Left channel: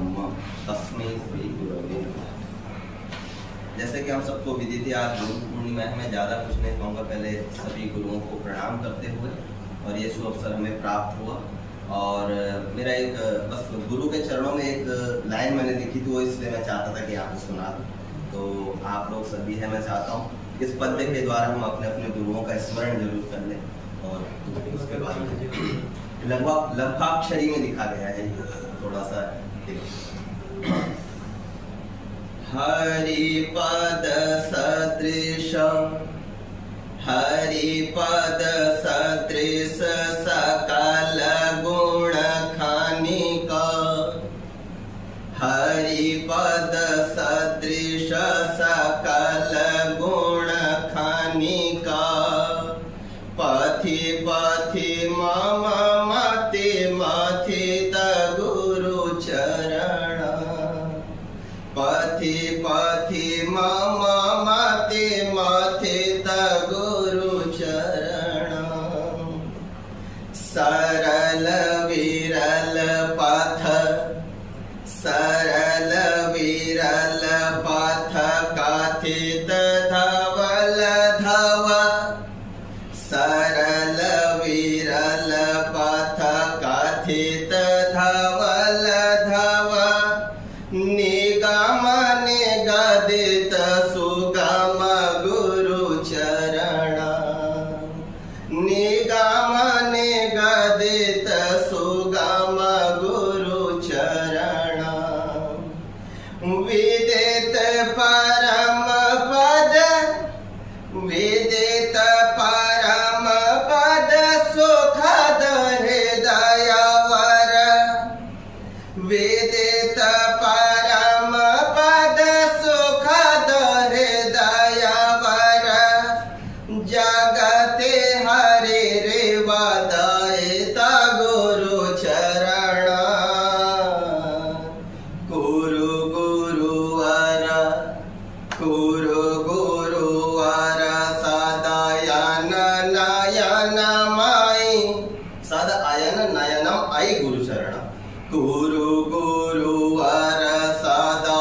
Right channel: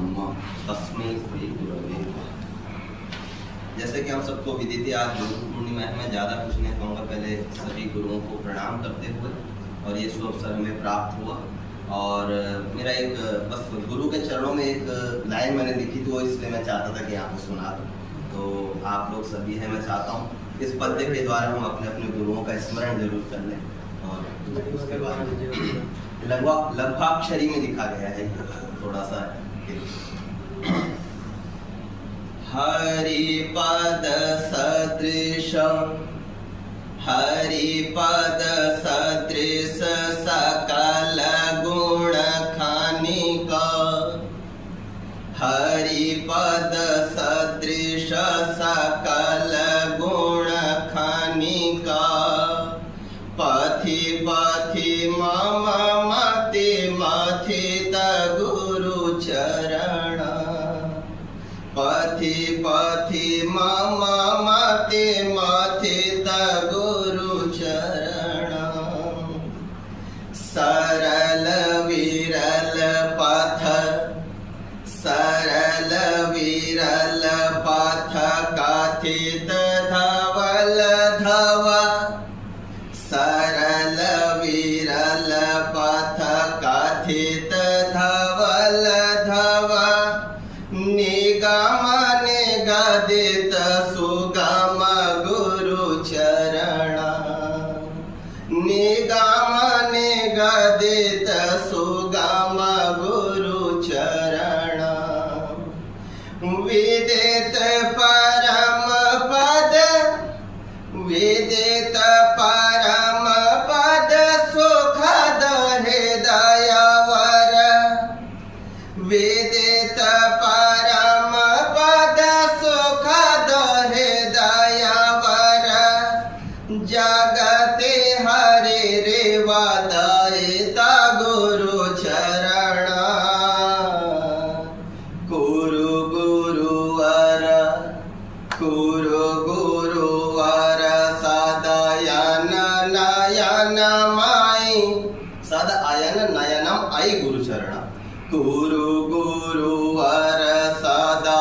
नमः तस्मै श्री गुरवे नमः। जैसे कि हम सबको विदित है, आज गुरु पूर्णिमा है। मैं ज़्यादा कुछ नहीं कहूँगा, पहले सभी गुरुओं को प्रणाम करते हुए, और ये शुभ अवसर हमें प्राप्त हुआ। और मेरा एक बस गुरु के चरणों में एक लाइन मैंने लिखी थी, वो इसलिए मैं चाहता था कि आपको सुना दूँ। तो आप लोग सभी हैं, मैं चाहता हूँ इस पद्य के द्वारा हम अपने अपने गुरुओं का स्मरण जरूर कर लें। और उसके बाद लघ्वाक्षरी में लिखा गया है, थोड़ा सा हरिपद सदृश हरिपद सदृश सकल गुण खानिका हरिपद सदृश सकल गुण खानिका पथि पथि मम मति मथित गुरु चरण पथि पथि मम मति मथित गुरु चरण सरल विरल पथ सरल विरल पथ कथित धवल धवा सरल विरल पथ कथित धवल धवा निगम निगदित सुगम गुरु चरण निगम निगदित सुगम गुरु चरण विदित परम पद विदित परम पद सुखद हृदय वर विदित परम पद सुखद हृदय वर जगते हरि रेवादायिता गुरु चरण गुरु गुरुवर गुरु गुरुवर सदायन नयन माई सदायन नयनम आई गुरु चरण गुरु गुरुवर सदा